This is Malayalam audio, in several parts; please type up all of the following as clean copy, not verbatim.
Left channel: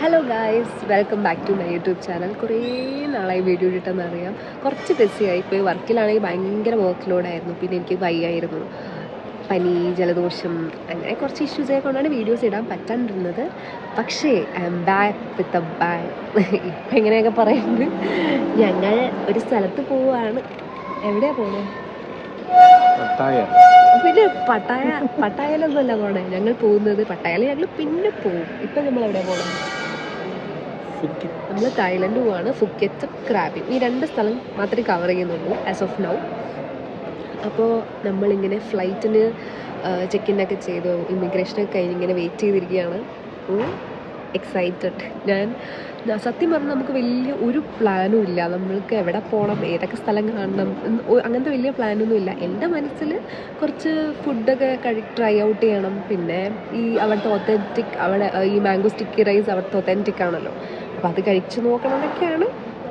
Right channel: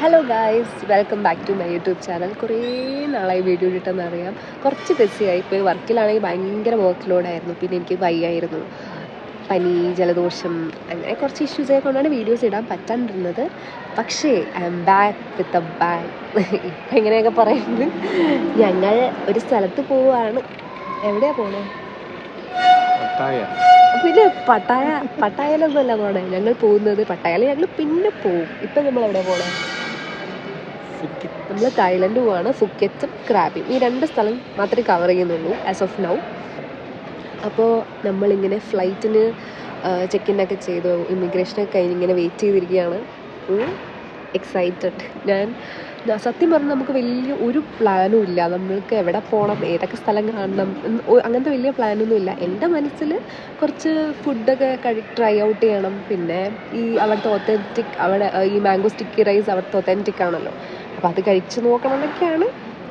Hello guys, welcome back to my YouTube channel. കുറേ നാളായി വീഡിയോ ഇട്ടെന്നറിയാം. കുറച്ച് ബിസിയായി. ഇപ്പോൾ വർക്കിലാണെങ്കിൽ ഭയങ്കര വർക്ക് ലോഡായിരുന്നു. പിന്നെ എനിക്ക് വയ്യായിരുന്നു, പനി, ജലദോഷം, അങ്ങനെ കുറച്ച് ഇഷ്യൂസൊക്കെ കൊണ്ടാണ് വീഡിയോസ് ഇടാൻ പറ്റാണ്ടിരുന്നത്. പക്ഷേ I M back with a bang. ഇപ്പം ഇങ്ങനെയൊക്കെ പറയുന്നത് ഞങ്ങൾ ഒരു സ്ഥലത്ത് പോവുകയാണ്. എവിടെയാണ് പോണേ? പിന്നെ പട്ടായയിലൊന്നുമല്ല പോണേ. ഞങ്ങൾ പോകുന്നത് പട്ടായയിൽ ഞങ്ങൾ പിന്നെ പോവും. ഇപ്പം നമ്മൾ എവിടെ പോകണം? നമ്മൾ തായ്ലൻഡ് പോവാണ്. ഫുക്കറ്റും ക്രാബിയും, ഈ 2 സ്ഥലം മാത്രമേ കവർ ചെയ്യുന്നുള്ളൂ ആസ് ഓഫ് നൗ. അപ്പോൾ നമ്മളിങ്ങനെ ഫ്ലൈറ്റിന് ചെക്കിനൊക്കെ ചെയ്തു, ഇമിഗ്രേഷനൊക്കെ കഴിഞ്ഞ് ഇങ്ങനെ വെയിറ്റ് ചെയ്തിരിക്കുകയാണ്. എക്സൈറ്റഡ്. ഞാൻ സത്യം പറഞ്ഞാൽ നമുക്ക് വലിയ ഒരു പ്ലാനും ഇല്ല. നമ്മൾക്ക് എവിടെ പോകണം, ഏതൊക്കെ സ്ഥലം കാണണം, അങ്ങനത്തെ വലിയ പ്ലാനൊന്നും ഇല്ല. എൻ്റെ മനസ്സിൽ കുറച്ച് ഫുഡൊക്കെ ട്രൈ ഔട്ട് ചെയ്യണം. പിന്നെ ഈ അവിടുത്തെ ഒത്തൻറ്റിക്, അവിടെ ഈ മാംഗോ സ്റ്റിക്കി റൈസ് അവിടുത്തെ ഒത്തൻറ്റിക് ആണല്ലോ, അപ്പോൾ അത് കഴിച്ച് നോക്കണം എന്നൊക്കെയാണ്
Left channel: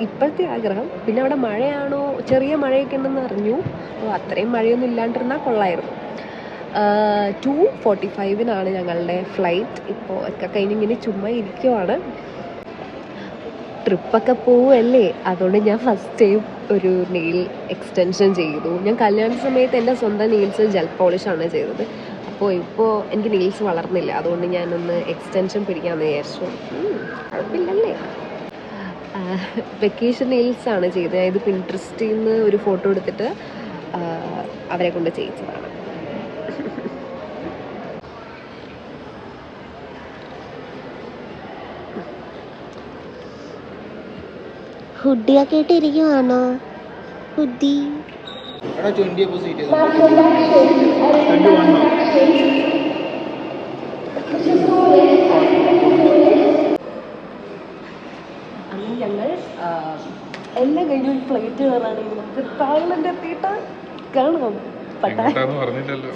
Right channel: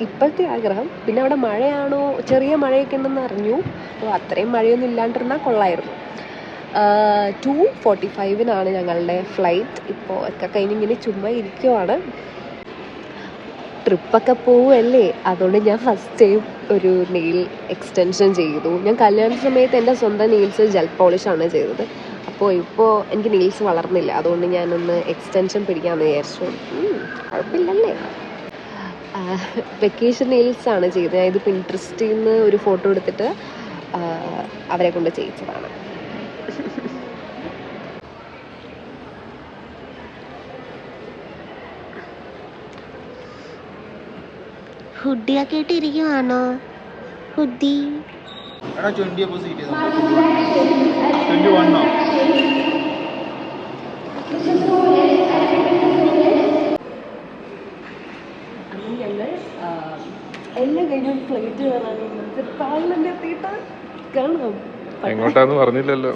ഇപ്പോഴത്തെ ആഗ്രഹം. പിന്നെ അവിടെ മഴയാണോ, ചെറിയ മഴയൊക്കെ ഉണ്ടെന്ന് അറിഞ്ഞു. അപ്പോൾ അത്രയും മഴയൊന്നും ഇല്ലാണ്ടിരുന്നാൽ കൊള്ളായിരുന്നു. 2:45 ഞങ്ങളുടെ ഫ്ലൈറ്റ്. ഇപ്പോൾ ഒക്കെ കഴിഞ്ഞിങ്ങനെ ചുമ്മാ ഇരിക്കുവാണ്. ട്രിപ്പൊക്കെ പോവുമല്ലേ, അതുകൊണ്ട് ഞാൻ ഫസ്റ്റ് ടൈം ഒരു നെയിൽ എക്സ്റ്റൻഷൻ ചെയ്തു. ഞാൻ കല്യാണ സമയത്ത് എൻ്റെ സ്വന്തം നെയിൽസ് ജെൽ പോളിഷാണ് ചെയ്തത്. അപ്പോൾ എനിക്ക് നെയിൽസ് വളർന്നില്ല, അതുകൊണ്ട് ഞാനൊന്ന് എക്സ്റ്റൻഷൻ പിടിക്കാമെന്ന് വിചാരിച്ചു. കുഴപ്പമില്ലല്ലേ. വെക്കേഷൻ നെയിൽസാണ് ചെയ്തത്. ഇത് പിൻട്രസ്റ്റിൽ നിന്ന് ഒരു ഫോട്ടോ എടുത്തിട്ട് അവരെ കൊണ്ട് ചെയ്യിച്ചതാണ്. ഹുഡിയൊക്കെ ഇട്ടിരിക്കുവാണോ? ഹുഡി ഞങ്ങൾ എല്ലാം കഴിഞ്ഞ് ഫ്ലൈറ്റ് കയറാനായിട്ട് തായ്ലൻഡ് എത്തിയിട്ട് കാണാം.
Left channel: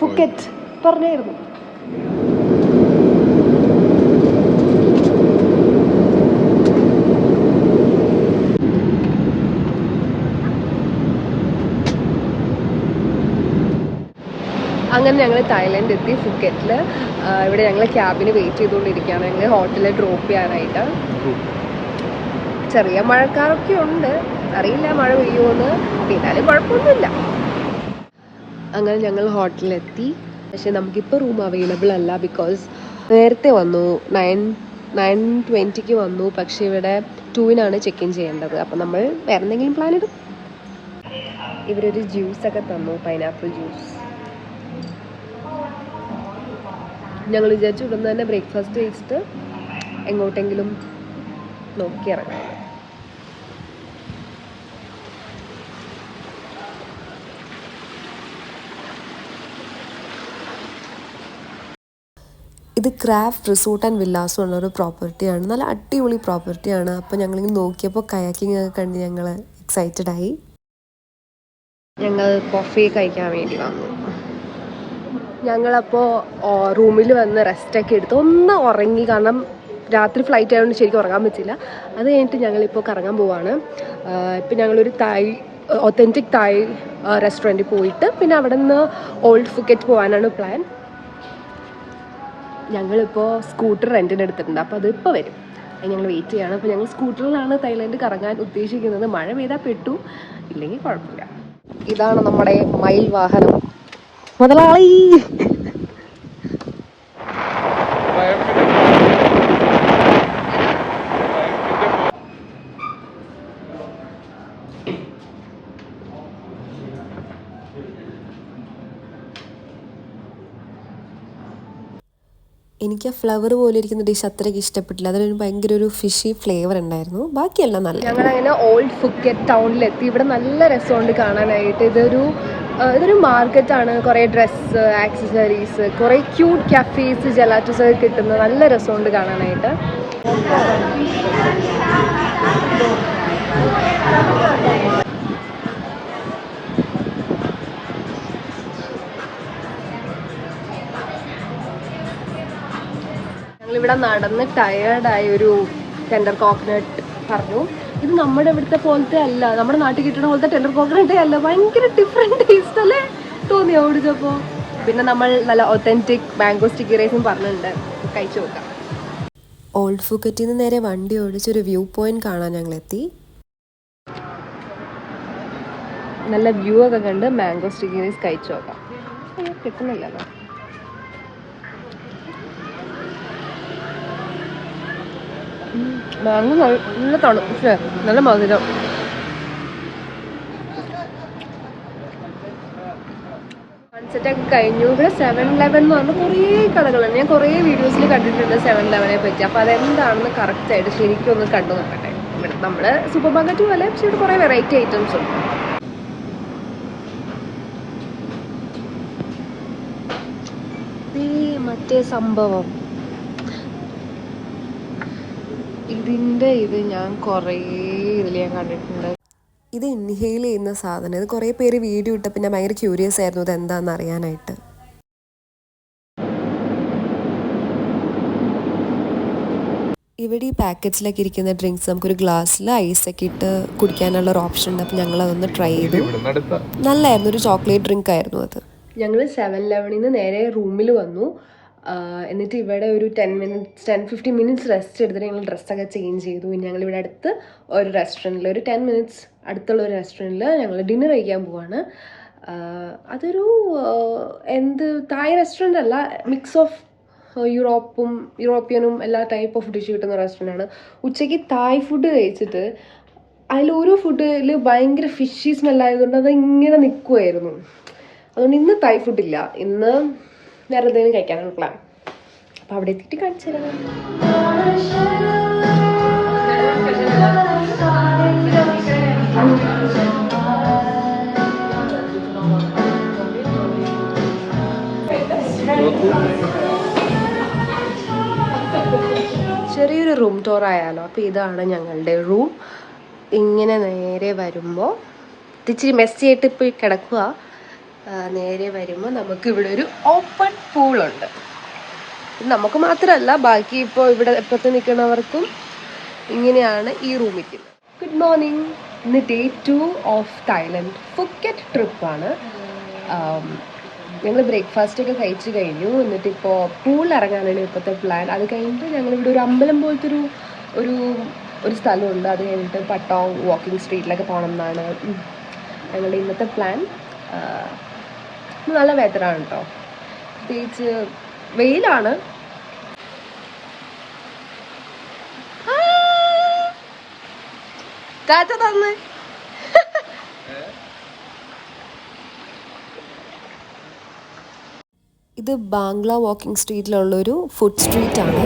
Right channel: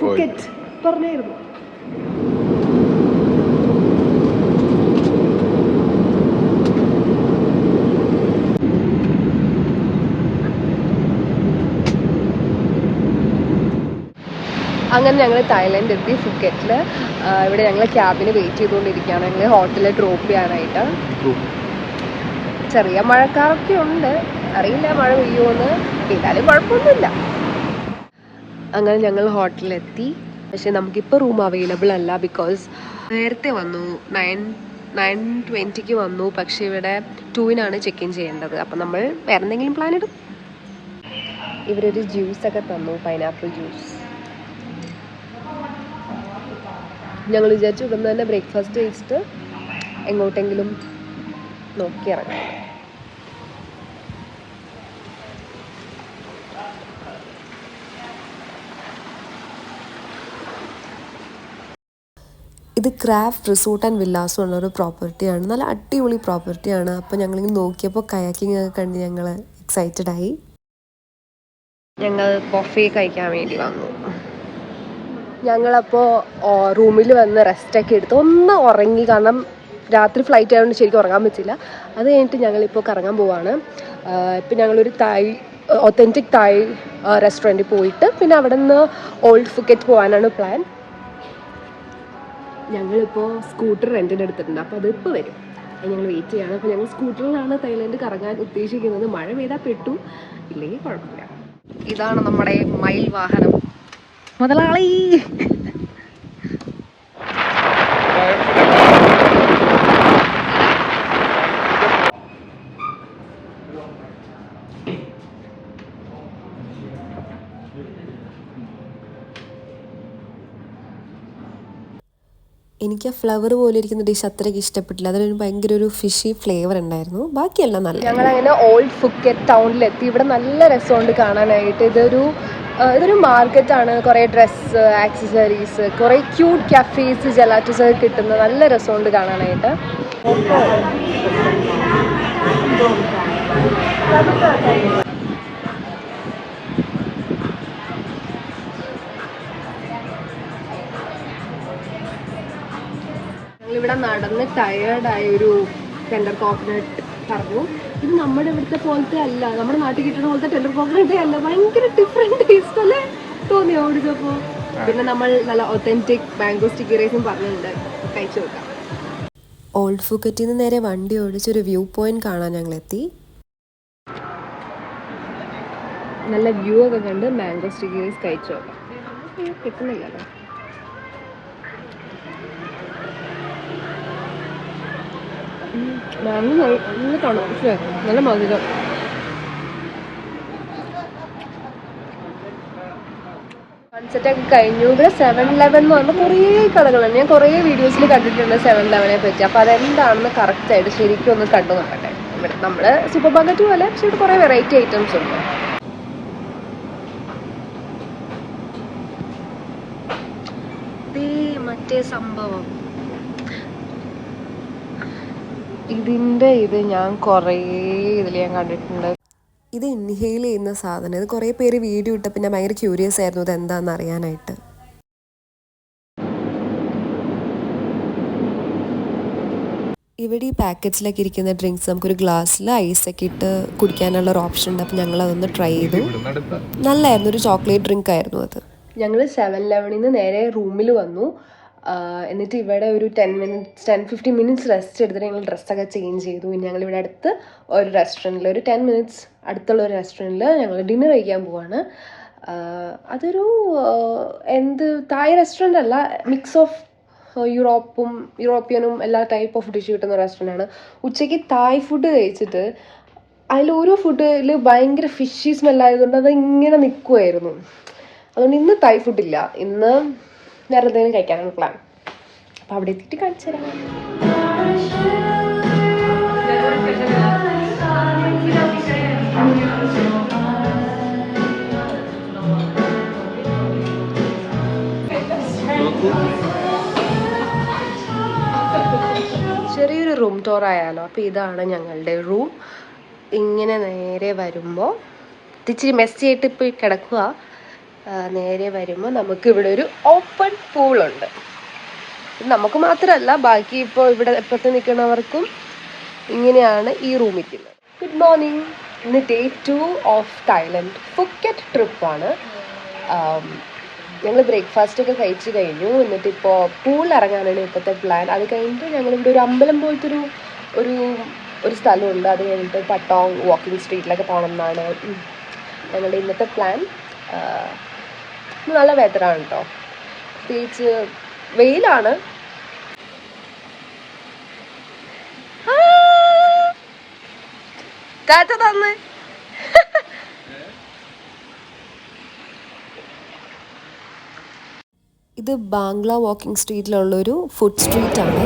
ഫുക്കറ്റ് പറഞ്ഞായിരുന്നു. അങ്ങനെ ഞങ്ങൾ തായ്ലൻഡ് എത്തി, ഫുക്കറ്റിൽ. ഇവിടെ ഞങ്ങൾ ക്യാബിന് വെയിറ്റ് ചെയ്തുകൊണ്ടിരിക്കുകയാണ്. ഞങ്ങൾ ഹോട്ടലിൽ ഡ്രോപ്പ് ചെയ്യാനായിട്ട്. ചെറിയ മഴക്കാറൊക്കെ ഉണ്ട്, അറിയില്ല മഴ പെയ്യുമെന്ന്. പെയ്താലും കുഴപ്പമൊന്നുമില്ല. അങ്ങനെ ഞങ്ങൾ ഹോട്ടലിലെത്തി. പക്ഷേ നമുക്കിപ്പോൾ റൂം അവൈലബിൾ അല്ല. ബിക്കോസ് നേരത്തെ വന്നു, 9:20 വന്നു. പക്ഷേ ഇവിടെ 2 ചെക്ക് ഇൻ ചെയ്യേണ്ടത്. അപ്പം നമ്മൾ വേറെ എന്തെങ്കിലും പ്ലാൻ ഇടും. ഇവരൊരു ജ്യൂസൊക്കെ തന്നു, പൈനാപ്പിൾ ജ്യൂസ്. ഞങ്ങൾ വിചാരിച്ചു ഇവിടെ നിന്ന് തന്നെ ബ്രേക്ക്ഫാസ്റ്റ് കഴിച്ചിട്ട് എങ്ങോട്ടെങ്കിലും നോക്കി ഇറങ്ങാം. ഇത് ക്രാഫ്റ്റ് റിസോർട്ട് ആൻഡ് വില്ലാസും ഉള്ളൊരു പ്രോപ്പർട്ടിയാണ്. നല്ല അടിപൊളി പ്രോപ്പർട്ടിയാണ്. അപ്പോൾ ഞങ്ങളിങ്ങനെ നോക്കിയപ്പോൾ കയാക്കിംഗ് ഒക്കെ കണ്ട് ഞങ്ങൾ എക്സൈറ്റഡ് ആയി. ഞങ്ങൾ കോഫി കഴിക്കാൻ വേണ്ടി വന്നു. ഞങ്ങളപ്പോൾ റൂമിൽ വന്ന് റെസ്റ്റൊക്കെ എടുത്ത് ഒന്ന് ഉറങ്ങി. കാരണം രാത്രി ഫ്ലൈറ്റ് ആയതുകൊണ്ട് ശരിക്കും ഉറങ്ങാൻ പറ്റില്ല. അത് കഴിഞ്ഞിട്ട് ഞങ്ങളിപ്പോൾ കറങ്ങാൻ പോവാണ്. ഇപ്പം ഞങ്ങളൊരു ഒത്തൻറ്റിക് തായ് റെസ്റ്റോറൻറ്റിൽ പോയിട്ട് പിന്നെ അവിടെ നിന്ന് ഓൾഡ് ഫുക്കറ്റ് പോകാനാണ് പ്ലാൻ. ഞങ്ങളിപ്പോൾ സ്കൂട്ടർ റെൻറ്റിന് എടുത്തിട്ടുണ്ട്. അപ്പോൾ അതിപ്പോൾ വരും. ഞങ്ങൾ വെയിറ്റ് ചെയ്യണം. അപ്പോൾ ഞങ്ങൾ സ്കൂട്ടറിലാണ് തായ്ലൻഡ് കറങ്ങാൻ ഉദ്ദേശിക്കുന്നത്. മഴ പെയ്താൽ പെട്ടു, ഇല്ലെങ്കിൽ കുഴപ്പമില്ല. ഇതാണ് നമ്മുടെ മയിൽ വാഹനം. മുതലാളി എനിക്ക് ആ ഫ്ലവർ പോലെ ഇരിക്കുന്ന ഡിഷ് അത്രയ്ക്ക് ഇഷ്ടപ്പെട്ടില്ല. അതിനൊരു ഭയങ്കര ഒരു ഫിഷി ഫ്ലേവർ ഉണ്ടായിരുന്നു. ബാക്കിയെല്ലാം നല്ല. ഞങ്ങളങ്ങനെ ഓൾഡ് ഫുക്കറ്റ് ടൗണിലെത്തി. ഇവിടെ നല്ല രസമുണ്ട് കാണാനായിട്ട്. ഇതൊരു മാർക്കറ്റാണ്. കുറേ ഡ്രസ്സ്, ആക്സസറീസ്, കുറേ ക്യൂട്ട് കഫേസ്, ജെലാറ്റോസ് ഒക്കെ കിട്ടുന്നത്. നല്ല രസമുണ്ട് കാണാനായിട്ട്. ഞങ്ങളിവിടെ നടന്ന് ടയേർഡായ ഒരു ടെൻഡർ കോക്കനട്ട് പറഞ്ഞു. ഇത് നമ്മുടെ ഇവിടുത്തെ പോലത്തെ അല്ല, നമ്മുടെ നാട്ടിൽ കിട്ടുന്ന പോലത്തെ ടെൻഡർ കോക്കനട്ടേ അല്ല. ഭയങ്കര ഡിഫറെൻറ്റ് ടേസ്റ്റ് അല്ലേ തോന്നിയോ ഓടിച്ചപ്പോൾ? പിന്നെ നമ്മൾ നല്ല ഒത്തൻറ്റിക് മാംഗോ സ്റ്റിക്കി റൈസും പറഞ്ഞിട്ടുണ്ട്, കഴിച്ചു നോക്കാം. ഓൾഡ് ഫുക്കറ്റിൽ നിന്ന് നേരെ വണ്ടി ഓടിച്ചൊരു വ്യൂ പോയിന്റ് കാണാൻ ഞങ്ങളെത്തി. നല്ല വ്യൂ ഒക്കെ കണ്ട് മാംഗോ സ്റ്റിക്കീസ് കഴിച്ചു നോക്കാം. കിട്ടുന്നില്ലല്ലോ. മാങ്ങ നല്ല തണുപ്പ്, നല്ല മധുരം. സൺസെറ്റൊക്കെ കഴിഞ്ഞു. ഇവിടെ 7-Eleven എന്ന് പറഞ്ഞാൽ കുറേ കടകളുണ്ട്. ഞാൻ കുറേ വീഡിയോസിൽ കണ്ടിട്ടുണ്ട് 7-Eleven പറ്റി. അപ്പോൾ അതെന്താണെന്ന് കറക്റ്റായിട്ട് ശരിക്കും ഒന്ന് കണ്ടു നോക്കട്ടെ. ഇവിടെ നമ്മുടെ സൂപ്പർ മാർക്കറ്റ് പോലെ, പക്ഷെ ഇവിടെ കുറേ വെറൈറ്റി ഐറ്റംസ് ഉണ്ട്. മറ്റേ സംഭവം ഇതിൻ്റെ ഇത് ഞാൻ കുറേ ഇതിൽ ഞാൻ കണ്ടിട്ടുണ്ട്. ഇത് ഇൻഹെയിൽ ചെയ്യുന്ന സാധനം. ഇത് കുറേ പേര് വീഡിയോ ഇട്ടപ്പോൾ ഞാൻ ഭയങ്കര ക്യൂരിയസ് ആയിരുന്നു ഇത് എന്താണെന്ന് അറിയാനായിട്ട്. ഇവിടെ ഈ പാക്കറ്റ്സിലൊക്കെ ഇരിക്കുന്ന ഡ്രിങ്ക്സ് നമുക്കൊരു ഗ്ലാസ്സിൽ ഐസൊക്കെ ഇട്ട് കുടിക്കാനുള്ള ഒരു ഓപ്ഷൻ ഉണ്ട്. അപ്പോൾ ഞങ്ങൾ അതൊന്ന് ട്രൈ ചെയ്തു. നല്ലായിരുന്നു. ഒരു ചോക്ലേറ്റ് ഡ്രിങ്ക് ആയിരുന്നു അത്. ഞങ്ങൾ 7-Eleven നിന്ന് നേരെ റൂമിൽ വന്നു. എന്നിട്ട് ഇവിടെ ഒരു 10-15 മിനിറ്റ്സ് റെസ്റ്റ് എടുത്തിട്ട് ഞങ്ങൾ ഡ്രസ്സൊക്കെ ചേഞ്ച് ചെയ്തു. ഇനി ഞങ്ങളിവിടെ അടുത്ത് ഒരു റെസ്റ്റോറൻറ്റിൽ ഒരു 10 മിനിറ്റ്സ് അടുത്തുള്ള ഒരു റെസ്റ്റോറൻറ്റിൽ ഞങ്ങൾ ഡിന്നർ കഴിക്കാൻ പോവാണ്. അതൊരു തായ് റെസ്റ്റോറൻ്റ് അല്ല, മിക്സ് ഓഫ് യൂറോപ്യനും എല്ലാ ടൈപ്പ് ഓഫ് ഡിഷ് കിട്ടുന്ന റെസ്റ്റോറൻ്റാണ്. ഉച്ചയ്ക്ക് തായ് ഫുഡ് കഴിച്ചിട്ട് അതിൽ ഓരോ ഫുഡിൽ ഭയങ്കര ഫിഷി സ്മെല്ലായതുകൊണ്ട് അത് ഇങ്ങനെ നിൽക്കുമായിരുന്നു. അതുകൊണ്ട് ഇന്ന് തായ് ഫുഡില്ല, ഇന്ന് വേറെ എന്തെങ്കിലും കഴിക്കാനാണ് പ്ലാൻ. അപ്പം അവിടെ എത്തിയിട്ട് കാണിച്ചു തരാം. ചെറിയൊരു റൂം ടൂർ ആയാലോ. അപ്പോൾ ഇതാണ് ഞങ്ങളുടെ റൂം. ഇങ്ങനെ നേരെ വരുമ്പോൾ ഇച്ചിരി മെസ്സി ആയിട്ട് ഇപ്പോൾ കിടക്കുക. നേരെ വരുമ്പോൾ നമുക്ക് ഇവിടെ ഒരു ഓപ്പൺ പൂളുണ്ട്. നമുക്ക് മാത്രമല്ല, ബാക്കി ഇപ്പോൾ ഇവിടെ എപ്പുറത്ത് നിൽക്കുന്നവർക്കും ഇങ്ങനെയാണ് ഈ റൂം ഇരിക്കുന്നത്. Good morning. ഇന്ന് Day 2 ഓഫ് തായ്ലൻഡ് ഫുക്കറ്റ് ട്രിപ്പാണ്. ഞങ്ങൾ ബ്രേക്ക്ഫാസ്റ്റൊക്കെ കഴിച്ച് കഴിഞ്ഞു. എന്നിട്ടിപ്പോൾ പൂളിൽ ഇറങ്ങാനാണ് ഇപ്പോഴത്തെ പ്ലാൻ. അത് കഴിഞ്ഞിട്ട് ഞങ്ങളിവിടെ ഒരു അമ്പലം പോലത്തെ ഒരു സ്ഥലമുണ്ട്. അത് കഴിഞ്ഞിട്ട് പട്ടോങ് വാക്കിംഗ് സ്ട്രീറ്റിലൊക്കെ പോകണം എന്നാണ് ഞങ്ങളുടെ ഇന്നത്തെ പ്ലാൻ. നല്ല വെതറാണ് കേട്ടോ, പ്രത്യേകിച്ച് വെയിലാണ്. കാറ്റ തന്ന് ഇത് ബാംഗ്ല വാക്കിംഗ് സ്ട്രീറ്റിലുള്ളൊരു ഫുഡ് സ്ട്രീറ്റ് ആണ്.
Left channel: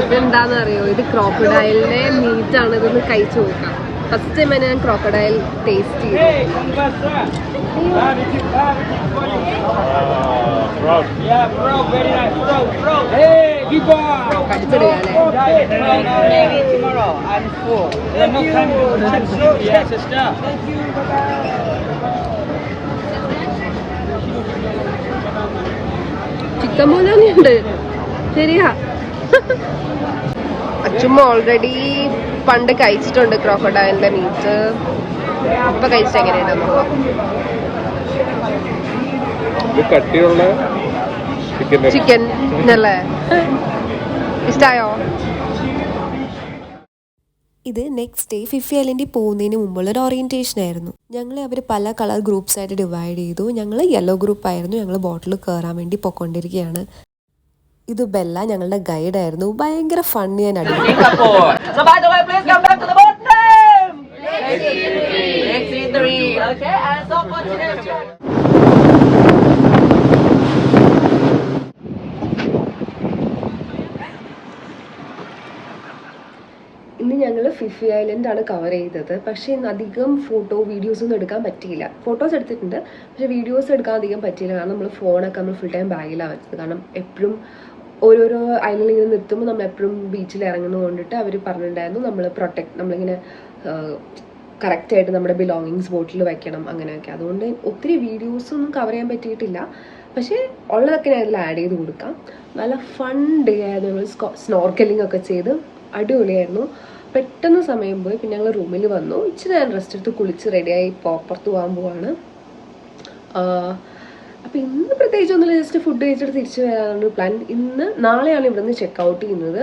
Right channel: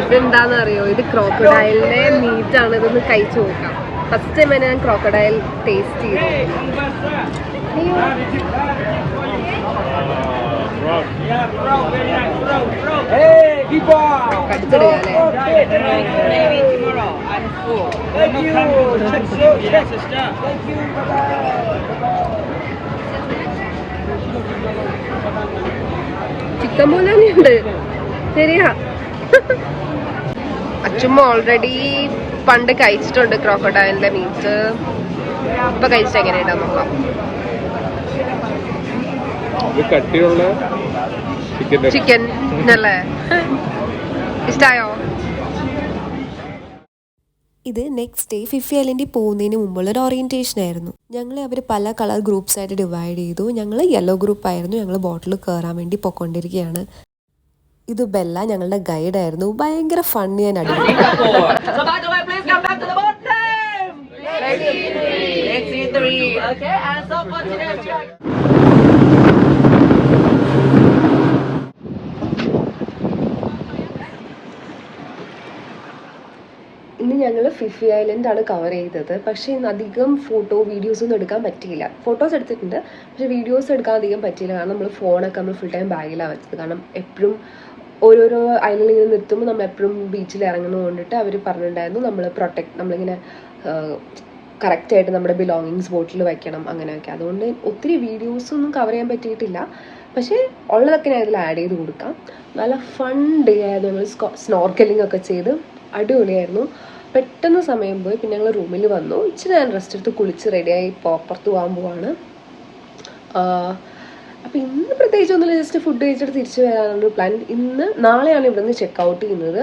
ഇതെന്താന്ന് അറിയോ? ഇത് ക്രോക്കഡൈലിന്റെ മീറ്റാണ്. ഇതൊന്ന് കഴിച്ചു നോക്കാം. ഫസ്റ്റ് ടൈം തന്നെ ഞാൻ ക്രോക്കഡൈൽ ടേസ്റ്റ് ചെയ്തു. കടിച്ചെടുക്കാല്ലേ? ചിക്കൻ പോലെ തന്നെയുണ്ട്. ശരിയാ. അച്ചുമ്മ ഓൾറെഡി പണ്ട് കഴിച്ചിട്ടുണ്ട് ക്രോക്കഡൈലിന്റെ മീറ്റ്. ഇപ്പൊ കഴിച്ചിട്ട് എങ്ങനെയുണ്ടാ നോക്കാം. ചിക്കൻ അല്ലേ? ഇഷ്ടായോ? ഇത് നെക്സ്റ്റ് ഡേ ഫിഫി ഐലൻഡിൽ പോകുന്നതിന് മുമ്പുള്ള ഒരു ഓറിയന്റേഷൻ ആയിരുന്നു. ഞങ്ങളെ അവർ പല കളർ ഗ്രൂപ്പ്സ് ആയിട്ട് ഡിവൈഡ് ചെയ്തു. ഞങ്ങൾ യെല്ലോ ഗ്രൂപ്പ് ആയിരുന്നു. ഞങ്ങൾ ബോട്ടിൽ കയറാൻ വേണ്ടി പൊയ്ക്കൊണ്ടിരിക്കുകയാണ്. ഇത് ബെല്ല ഞങ്ങളുടെ ഗൈഡായിരുന്നു. ഭയങ്കര ഫണ്ണി ആൻഡ് അടിപൊളി. ഇന്ന് ഞങ്ങൾ ഫിഫി ഐലൻഡാണ് കവർ ചെയ്തത്. പക്ഷേ ഇന്ന് അധികം വീഡിയോസൊന്നും എടുക്കാൻ പറ്റിയില്ല. ഫോട്ടോസ് എടുത്തിട്ടുണ്ട്, പക്ഷേ വീഡിയോസ് എടുക്കാൻ അധികം പറ്റിയില്ല. കാരണം നമ്മൾ ഫോണൊക്കെ നമ്മൾ ഫുൾ ടൈം ബാഗിലാണ് വെച്ചത്. കാരണം എപ്പോഴും ഓരോരോ ഐലൻഡിൽ ഇങ്ങനെ നിർത്തുമ്പോൾ നമ്മൾ എപ്പോഴും ബീച്ചിൽ ഇറങ്ങുന്നത് കൊണ്ടിട്ട് അവർ പറഞ്ഞിട്ടുണ്ടായിരുന്നു നമ്മളിങ്ങനെ കറക്റ്റായിട്ട് നമ്മുടെ ബിലോങ്ങിങ്സ് ബോട്ടിൽ വയ്ക്കണം അങ്ങനെയൊക്കെ. അതുകൊണ്ട് ഒത്തിരി വീഡിയോസൊന്നും കവർ ചെയ്യാൻ പറ്റിയിട്ടില്ല. പക്ഷേ ഉള്ളതൊക്കെ ഞാൻ ഇതിൽ ആഡ് ചെയ്ത് കൊടുക്കാം. നല്ല ഫൺ ഡേ ആയിരുന്നു. ഞങ്ങൾ സ്നോർക്കലിംഗ് ഒക്കെ ചെയ്ത് അടിപൊളിയായിരുന്നു. പെട്ടെന്ന് സമയം പോയി. പിന്നെ ഞങ്ങൾ റൂമിൽ വന്നു. ഇച്ചിരി ഞാൻ റെസ്റ്റ് എടുത്ത് കുളിച്ച് റെഡിയായി പുറത്ത് പോകാൻ പോവാണ്. അപ്പോൾ ഇന്ന് പ്രത്യേകിച്ച് ഒന്നുമില്ല, ജസ്റ്റ് ഫുഡ് കഴിച്ചിട്ട് തിരിച്ചു വരാനാണ് പ്ലാൻ. നാളെയാണ് ഇവിടെ നിന്ന് ചെക്ക് ഔട്ട് ചെയ്യുന്നത്.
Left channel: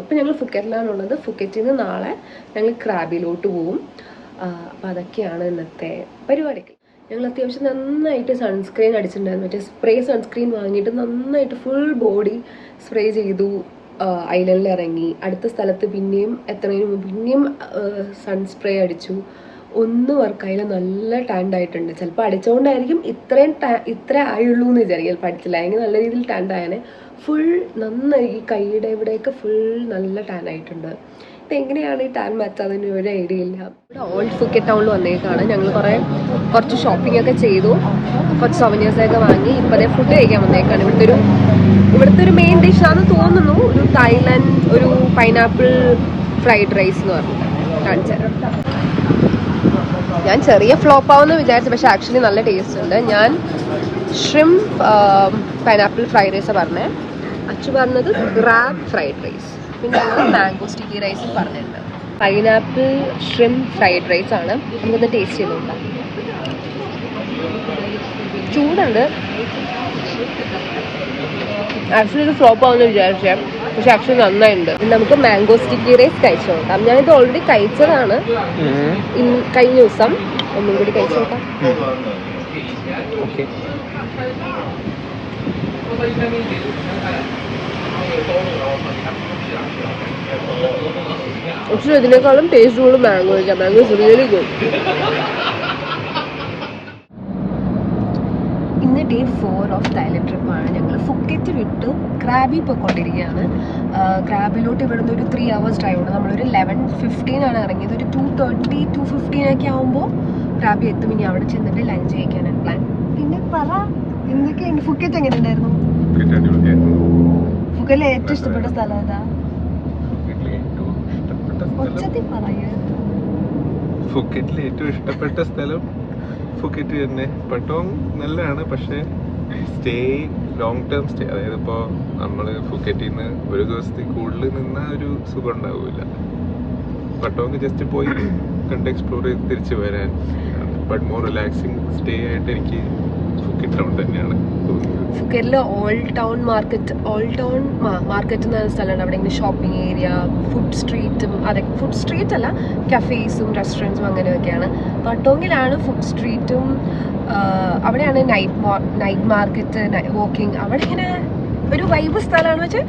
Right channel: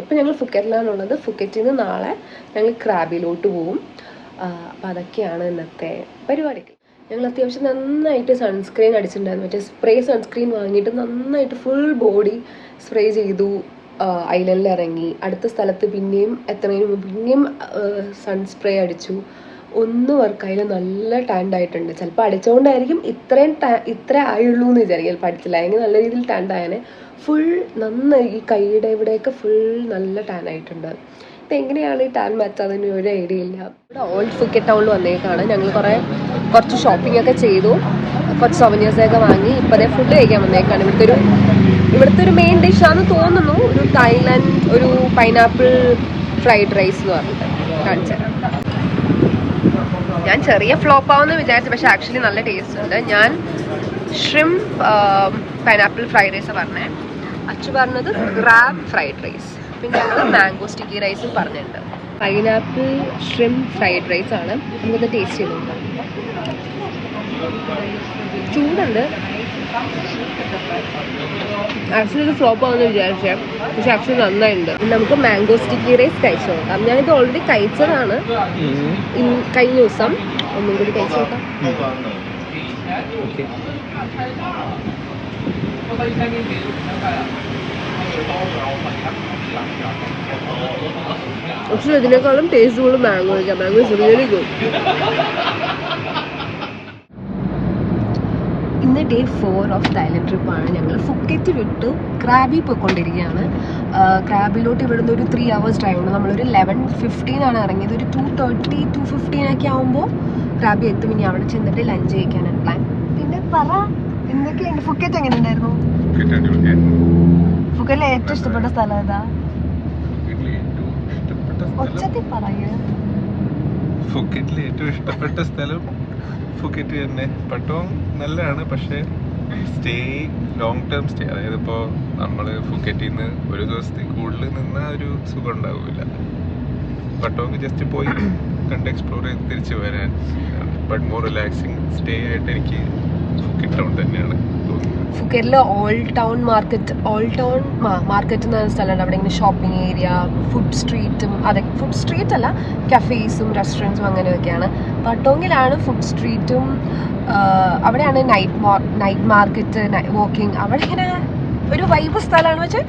ഇപ്പം ഞങ്ങൾ ഫുക്കറ്റിലാണുള്ളത്. ഫുക്കറ്റിൽ നിന്ന് നാളെ ഞങ്ങൾ ക്രാബിലോട്ട് പോകും. അപ്പോൾ അതൊക്കെയാണ് ഇന്നത്തെ പരിപാടികൾ. ഞങ്ങൾ അത്യാവശ്യം നന്നായിട്ട് സൺസ്ക്രീൻ അടിച്ചിട്ടുണ്ടായിരുന്നു. മറ്റേ സ്പ്രേ സൺസ്ക്രീൻ വാങ്ങിയിട്ട് നന്നായിട്ട് ഫുൾ ബോഡി സ്പ്രേ ചെയ്തു. ഐലൻഡിൽ ഇറങ്ങി. അടുത്ത സ്ഥലത്ത് പിന്നെയും എത്രയും മുമ്പ് പിന്നെയും സൺസ്പ്രേ അടിച്ചു. ഒന്നും വർക്കായില്ല. നല്ല ടാൻഡ് ആയിട്ടുണ്ട്. ചിലപ്പോൾ അടിച്ചുകൊണ്ടായിരിക്കും ഇത്ര ആയുള്ളൂ എന്ന് വിചാരിക്കും. ചിലപ്പോൾ അടിച്ചില്ല, അല്ലെങ്കിൽ നല്ല രീതിയിൽ ടാൻഡ് ആയാനെ. ഫുൾ നന്നായി ഈ കൈയുടെ ഇവിടെയൊക്കെ ഫുൾ നല്ല ടാൻ ആയിട്ടുണ്ട്. ഇതെങ്ങനെയാണ് ഈ ടാൻ മാറ്റാതിന് ഒരു ഐഡിയ ഇല്ല. ഇവിടെ ഓൾഡ് ഫുക്കറ്റ് ടൗണിൽ വന്നേക്കാണ്. ഞങ്ങൾ കുറച്ച് ഷോപ്പിംഗ് ഒക്കെ ചെയ്തു. കുറച്ച് സൊവനീഴ്സൊക്കെ വാങ്ങി. ഇപ്പോൾ ഫുഡ് കഴിക്കാൻ വന്നേക്കാണ്. ഇവിടുത്തെ ഒരു മെയിൻ ഡിഷാണെന്ന് തോന്നുന്നു. ഒരു തായ്ലാൻഡ് ഒരു പൈനാപ്പിൾ ഫ്രൈഡ് റൈസ് എന്ന് പറഞ്ഞിട്ട് കാണിച്ചു തരാം. ഞാൻ ചെറിയ ഫ്ലോപ്പ് ആവുമെന്ന് വിചാരിച്ചു, പക്ഷെ ആക്ച്വലി നല്ല ടേസ്റ്റ് ഉണ്ട്. ഞാൻ ഷ്രിംപ് പൈനാപ്പിൾ ഫ്രൈഡ് റൈസ് പറഞ്ഞേ. അച്ചു പറഞ്ഞത് ക്രാബ് ഫ്രൈഡ് റൈസ്. പിന്നെ ഞങ്ങൾ മാംഗോ സ്റ്റിക്കി റൈസും പറഞ്ഞിട്ടുണ്ട്. പൈനാപ്പിൾ ഷ്രിംപ് ഫ്രൈഡ് റൈസ് ആണ്. നമുക്കൊന്ന് ടേസ്റ്റ് ചെയ്ത് നോക്കാം. ചൂടുണ്ട്. ആക്ച്വലി ഇത് ഫ്ലോപ്പ് ആവുമെന്ന് വിചാരിച്ചേ, പക്ഷെ ആക്ച്വലി നന്നായിട്ടുണ്ട്. നമുക്ക് മാംഗോ സ്റ്റിക്കി റൈസ് കഴിച്ചു നോക്കാം. ഞാനിത് ഓൾറെഡി കഴിച്ചതാണ് കഴിഞ്ഞ ദിവസം. ഒന്നും കൂടി കഴിച്ചു നോക്കാം. പക്ഷെ ഇതിനേക്കാളും ടേസ്റ്റ് കൂടുതൽ മാംഗോ കഴിക്കാം. Mango is really good. ഇന്ന് ഡേ 4 ഓഫ് തായ്ലൻഡ് ട്രിപ്പാണ്. ഞങ്ങൾ ഫുക്കറ്റ് വിട്ടു ക്രാബിൽ പോയിക്കൊണ്ടിരിക്കുകയാണ്. ക്രാബിലോട്ട് ഇവിടുന്ന് ഒരു 3 hours ഡ്രൈവ് ഉണ്ട്. നമ്മളൊരു 11:15 ആണ് ഇറങ്ങിയത്. ഒരു 2:30 2:15 ഒക്കെ ആകുമ്പോൾ ക്രാബി എത്തും. ഇനി അവിടെ ചെന്നിട്ട് ലഞ്ച് കഴിക്കാനാണ് പ്ലാൻ. പിന്നെ പറ, എന്തൊക്കെയുണ്ട്? ഫുക്കറ്റ് എങ്ങനെ ഉണ്ടായിരുന്നു? ഫുക്കറ്റിലെ ഏറ്റവും ഇഷ്ടപ്പെട്ട സ്ഥലം ഏതാ? ഒച്ചത്തിൽ പറയൂ. ഫുക്കറ്റിലെ ഏറ്റവും ഇഷ്ടപ്പെട്ട സ്ഥലം ഫുക്കറ്റ് തന്നെ. പട്ടോങ് നല്ലതാണ്, പക്ഷേ ലോങ് ടേം സ്റ്റേ, അതായത് ഇപ്പോൾ നമ്മൾ ഫുക്കറ്റിൽ നിന്ന് ഒരു ദിവസത്തിൽ കൂടുതൽ നിന്നാൽ ഒരു സുഖം ഉണ്ടാവില്ല. പട്ടോങ് ജസ്റ്റ് പോയി കണ്ട് എക്സ്പ്ലോർ ചെയ്ത് തിരിച്ച് വരാൻ. ബട്ട് മോർ റിലാക്സിങ് സ്റ്റേ ആയിട്ട് എനിക്ക് ഫുക്കറ്റ് ടൗൺ തന്നെയാണ് തോന്നുന്നത്. ഫുക്കറ്റിലെ ഓൾഡ് ടൗൺ മാർക്കറ്റ് എന്ന് പറഞ്ഞ സ്ഥലമാണ്. അവിടെ ഇങ്ങനെ ഷോപ്പിംഗ് ഏരിയ, ഫുഡ് സ്ട്രീറ്റും, അതൊക്കെ ഫുഡ് സ്ട്രീറ്റ് അല്ല, കഫേസും റെസ്റ്റോറൻറ്റ്സും അങ്ങനെയൊക്കെയാണ്. പട്ടോങ്ങിലാണ് ഫുഡ് സ്ട്രീറ്റും. അവിടെയാണ് നൈറ്റ് മാർക്കറ്റ്, വാക്കിംഗ്. അവിടെ ഇങ്ങനെ ഒരു വൈബ് സ്ഥലമാണ്. പക്ഷെ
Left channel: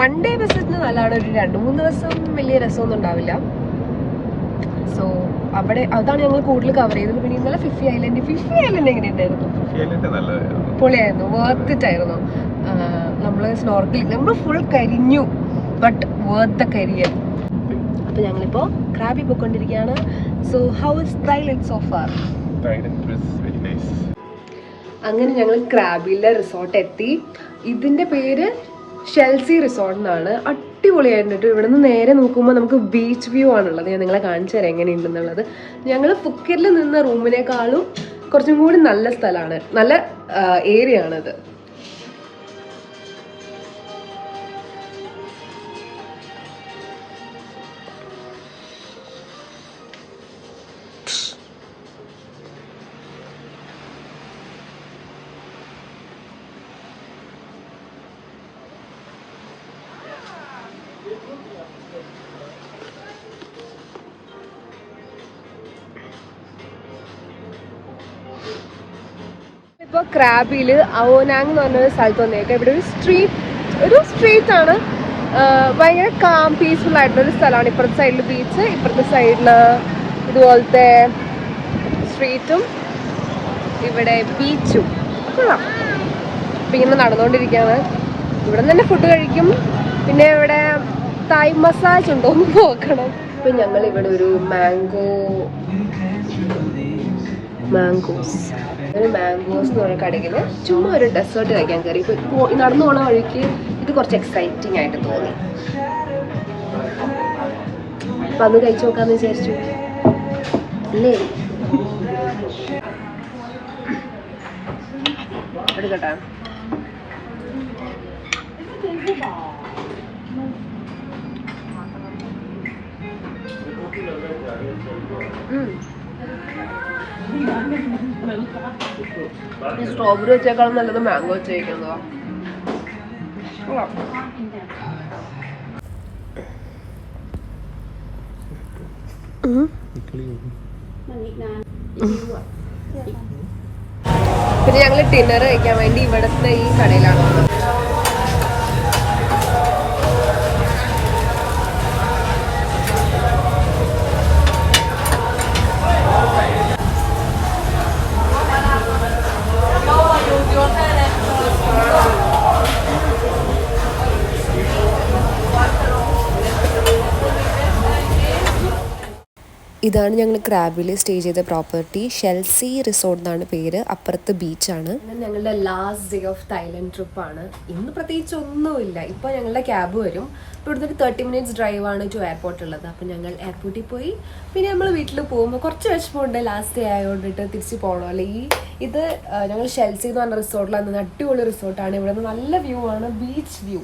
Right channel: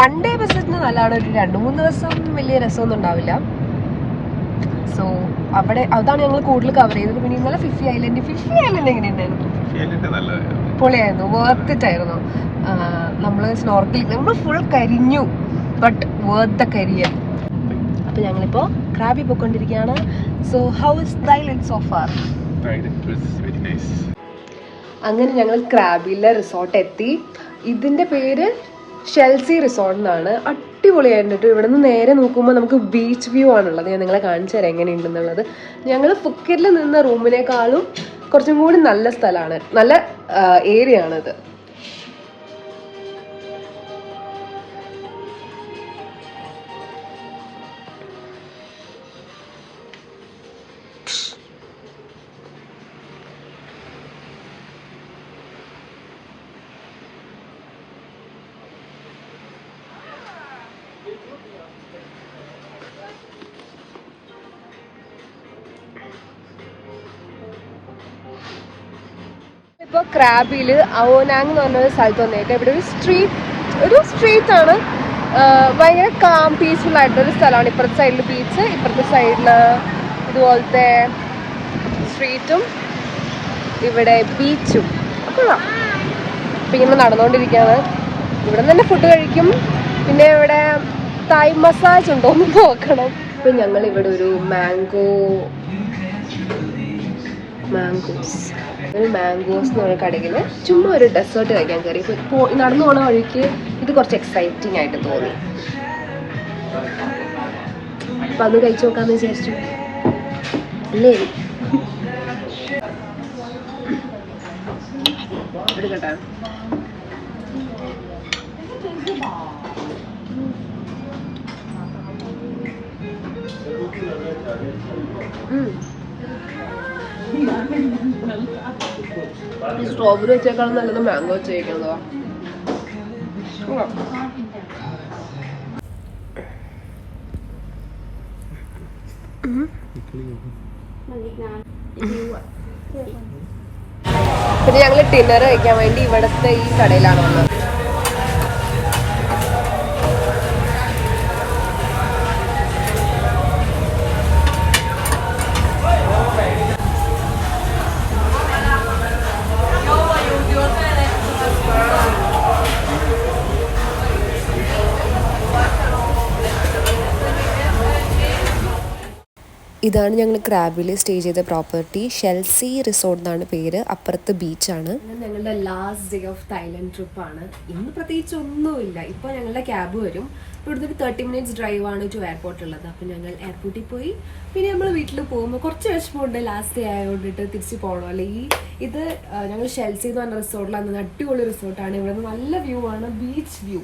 1 day വിസിറ്റിന് നല്ലതാണ്. ഒരു 2-3 ദിവസം വലിയ രസമൊന്നും ഉണ്ടാവില്ല. സോ അവിടെ അതാണ് ഞങ്ങൾ കൂടുതൽ കവർ ചെയ്തത്. പിന്നെ ഇന്നലെ ഫിഫി ഐലൻഡ് എങ്ങനെയുണ്ടായിരുന്നു? പൊളിയായിരുന്നു. വർത്ത് ഇറ്റ് ആയിരുന്നു. നമ്മൾ സ്നോർക്കലിംഗ് നമ്മൾ ഫുൾ കരിഞ്ഞു, ബട്ട് വർത്ത് ദ കരിയർ. അപ്പോൾ ഞങ്ങളിപ്പോൾ ക്രാബിൽ പോയിക്കൊണ്ടിരിക്കുകയാണ്. So how is Thailand so far? അങ്ങനെ ഞങ്ങൾ ക്രാബിലെ റിസോർട്ട് എത്തി. ഇതിൻ്റെ പേര് ഷെൽസി റിസോർട്ട് എന്നാണ്. അടിപൊളിയായിട്ട്. ഇവിടെ നിന്ന് നേരെ നോക്കുമ്പോൾ നമുക്ക് ബീച്ച് വ്യൂ ആണുള്ളത്. ഞാൻ നിങ്ങളെ കാണിച്ചു തരാം എങ്ങനെയുണ്ടെന്നുള്ളത്. ഞങ്ങൾ ഫുക്കറ്റിൽ നിന്ന റൂമിനേക്കാളും കുറച്ചും കൂടി നല്ല സ്ഥലമാണ്, നല്ല ഏരിയ ആണത്. ഇപ്പോൾ ക്രാബിൽ അവോനാങ് എന്ന് പറഞ്ഞൊരു സ്ഥലത്ത് വന്നേക്കാം. ഇവിടെ ഒരു സ്ട്രീറ്റ് ആണ്. ഭയങ്കര കാം പീസ്ഫുൾ ആയിട്ടൊരു സ്ഥലമാണ്. ഇപ്പുറത്തെ സൈഡിൽ ബീച്ച്, ഇപ്പുറത്തെ സൈഡിൽ ഇതുപോലത്തെ സ്ട്രീറ്റും ഇവിടെ ബീച്ചും കൊള്ളാം. ഇപ്പം ഇങ്ങനെ നടന്നുകൊണ്ടിരിക്കുകയാണ്. ഇവിടെ നിന്ന് തന്നെ ഫുഡ് കഴിക്കും. പിന്നെ ഇവിടെ തായ് മസാജ് ഉണ്ടോ എന്ന് നോക്കണം. ഇപ്പം ഞങ്ങൾ ഇവിടെ ഒരു മാംഗോസ് എന്ന് പറഞ്ഞ കടയിൽ ചുമ്മാ ഒരു ഡെസേർട്ട് കഴിക്കാൻ കയറി. ഇപ്പോൾ നടന്നു പോണ വഴിക്ക് ഇത് കുറച്ച് എക്സൈറ്റിംഗ് ആയിട്ട് തോന്നി. അപ്പം അന്ന് കഴിച്ചു നോക്കാമെന്ന് വിചാരിച്ചു. അല്ലേ എടുക്കട്ടെ. സ്ട്രോബെറി വെച്ചേക്കാളും നല്ലത് മാംഗോ വെച്ച് കഴിക്കുന്നതാ. പിന്നെ ഞങ്ങള് ഡിന്നർ കഴിക്കാൻ വേണ്ടി ഇവിടത്തെ ഈ കടയിലാണ് വന്നത്. ഇതാണ് ഞങ്ങൾ ക്രാബിൽ സ്റ്റേ ചെയ്ത പ്രോപ്പർട്ടി. ഷെൽസി റിസോർട്ട് എന്നാണ് പേര്. അപ്പുറത്ത് ബീച്ചാണ്. ഞങ്ങളുടെ ലാസ്റ്റ് ഡേ ഓഫ് തായ്ലൻഡ് ട്രിപ്പാണ്. ഇന്ന് പ്രത്യേകിച്ച് ഒന്നുമില്ല. ഇപ്പോൾ ഞങ്ങളുടെ ക്യാബ് വരും. ഇവിടുന്ന് ഒരു 30 minutes ഡ്രൈവാണ് ടു എയർപോർട്ട് ഉള്ളത്. അപ്പം ഞങ്ങൾ എയർപോർട്ടിൽ പോയി പിന്നെ നമ്മൾ വീട്ടിൽ പോകുമ്പോൾ കുറച്ച് വിഷമമുണ്ട്. ലാസ്റ്റ് ഡേ ആയതുകൊണ്ടിട്ട് തിരിച്ച് പോകണം. അല്ലെങ്കിൽ ഇത് ഞങ്ങൾ ഷെൽസി എന്ന് പറഞ്ഞ റിസോർട്ടിലാണ്. അടിപൊളി റിസോർട്ടാണ്. ഇവിടെ നിന്ന് നല്ല വ്യൂ ആണ്, ബീച്ച് വ്യൂ.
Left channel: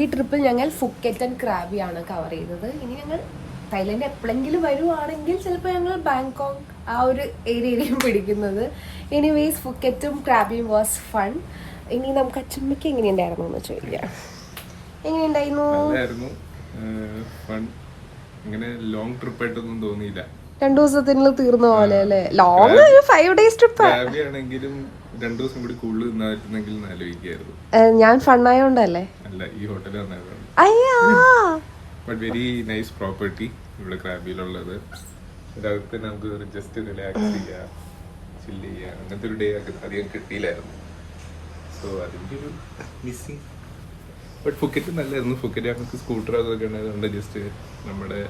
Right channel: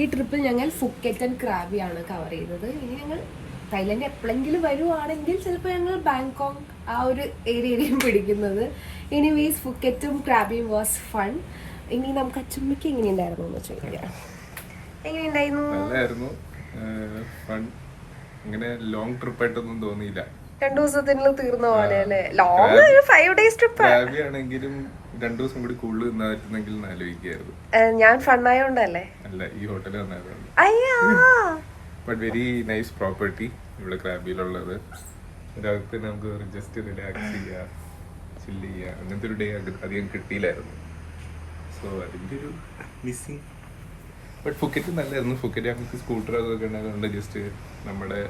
ഈ ട്രിപ്പിൽ ഞങ്ങൾ ഫുക്കറ്റ് ആൻഡ് ക്രാബിയാണ് കവർ ചെയ്തത്. ഇനി ഞങ്ങൾ തായ്ലൻഡ് എപ്പോഴെങ്കിലും വരുവാണെങ്കിൽ ചിലപ്പോൾ ഞങ്ങൾ ബാങ്കോക്ക് ആ ഒരു ഏരിയയിലും പിടിക്കുന്നത്. എനിവേസ് ഫുക്കറ്റും ക്രാബിയും വാസ് ഫൺ. ഇനി നമുക്ക് അച്ഛമ്മയ്ക്ക് എങ്ങനെയുണ്ടായിരുന്നു എന്ന് ചോദിക്കാം. എങ്ങനെയുണ്ടായിരുന്നു? ഫൺ. ഇങ്ങനെ ലോങ് ട്രിപ്പ് ആയിട്ടൊന്നും തോന്നിയില്ല. 2 ദിവസത്തിനുള്ളിൽ തീർന്ന പോലെ അല്ലേ? ലോങ് 5 days ട്രിപ്പ് ആണെങ്കിലും 2 ദിവസം കൂടി കൂടുതൽ നിന്നായിരുന്നെങ്കിൽ ആലോചിക്കായിരുന്നു. ഞാൻ ഫണ്ണായോണ്ടല്ലേ? അല്ല, ഈ ഹോട്ടലിൽ വന്നായതുകൊണ്ട്. ബട്ട് വെരി നൈസ് പ്രോപ്പർട്ടി ഇവിടെ ക്രാബിയിലുള്ളത്. ഇതിനകത്ത് നമുക്ക് ജസ്റ്റ് റിലാക്സ് ചെയ്യുക, ചില്ല് ചെയ്യുക, അങ്ങനത്തെ ഒരു ഡേ അധികം കിട്ടിയില്ലായിരുന്നു. സോ അതിൻ്റെ ഒരു മിസ്സിങ്. ബട്ട് ഫുക്കറ്റ് നല്ലായിരുന്നു. ഫുക്കറ്റ് ഞങ്ങൾക്ക് സ്കൂട്ടർ അതൊക്കെ ഉണ്ടായതുകൊണ്ട് ജസ്റ്റ് നമ്മുടെ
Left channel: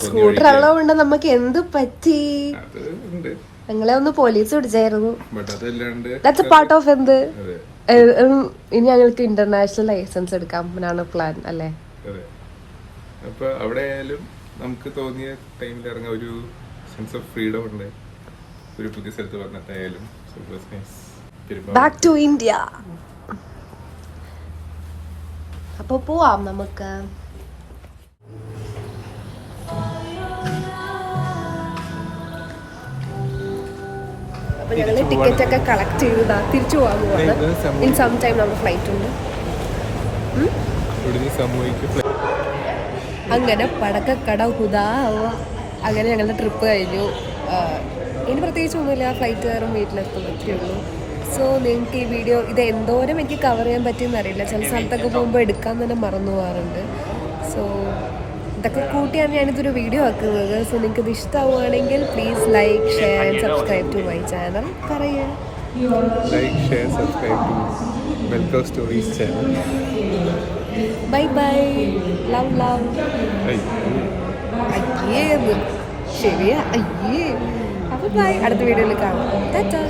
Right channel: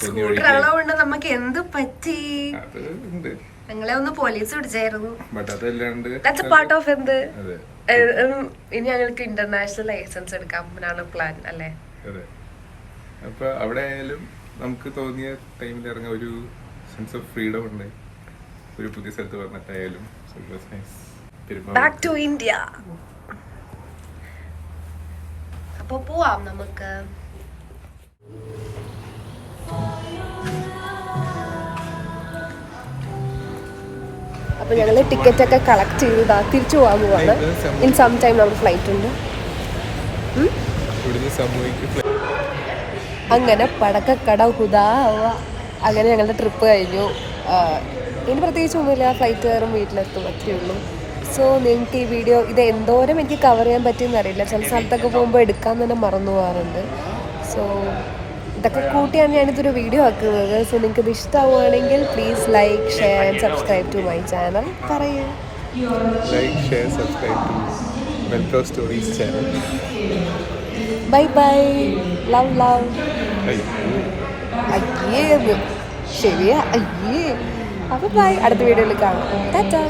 സ്കൂട്ടർ ഉള്ളതുകൊണ്ട് നമുക്ക് എന്ത് പറ്റി? അത് ഉണ്ട്. ഞങ്ങളെ ഒന്ന് പോലീസ് പിടിച്ചായിരുന്നു. ബട്ട് അതല്ലാണ്ട് പാർട്ട് ഓഫ് എന്ത് ഇനി ഞങ്ങൾക്ക് ഇന്റർനാഷണൽ ലൈസൻസ് എടുക്കാനാണ് പ്ലാൻ അല്ലേ? അതെ. അപ്പൊ അവിടെ ആയാലും നമുക്ക് തോന്നിയ ടൈമിൽ ഇറങ്ങാൻ ഒരു സെൻസ് ഓഫ് ഫ്രീഡം ഉണ്ട്. ഒരു പുതിയ സ്ഥലത്ത് വന്നിട്ടായാലും ബാക്ക് ടു ഇന്ത്യ. അപ്പൊ പോവാം നമുക്ക്. അപ്പൊ ഞങ്ങള് ടിക്കറ്റ് ഒക്കെ കളക്ട് ചെയ്ത് തിരിച്ചു പോകാൻ പോവാണ്. ഇൻ സം ടൈം നമ്മുടെ ഫ്ലൈറ്റ് ഉണ്ട്. അങ്ങനെ പടക്കക്കട ഹുദാവുക. അങ്ങനെ ഞങ്ങളുടെ ട്രിപ്പ് കഴിഞ്ഞു. ഇനി പ്രത്യേകിച്ച് ഒന്നുമില്ല. ഫ്ലൈറ്റ് കയറും, വീട്ടിലെത്തും, അത്രയേ ഉള്ളൂ. സോ നിങ്ങൾക്ക് ഈ വീഡിയോ ഇത് എന്തോരം എനിക്ക് കവർ ചെയ്യാൻ പറ്റിയെന്ന് അറിയില്ല. ചില സ്ഥലത്തൊക്കെ പോകുമ്പോൾ എടുക്കാൻ തന്നെ മറന്നു പോകാറുണ്ട്. സോ ഇതൊക്കെ കൂട്ടിയാണ് ഞാനിതൊരു വീഡിയോ ആക്കുന്നത്. സോ നിങ്ങൾക്ക് ഇത് ഇഷ്ടമാവുകയാണെങ്കിൽ please like, share and subscribe to my channel. പറയുക ലൈക്ക്, ഷെയർ, സബ്സ്ക്രൈബ് ടു മെൽക്കോ stories channel. Bye bye. Love love. അയ്യേ ശരിയാ. അയ്യേ. അപ്പോൾ ബൈ. അടുത്ത വീഡിയോയിൽ കാണാം. ടാറ്റാ.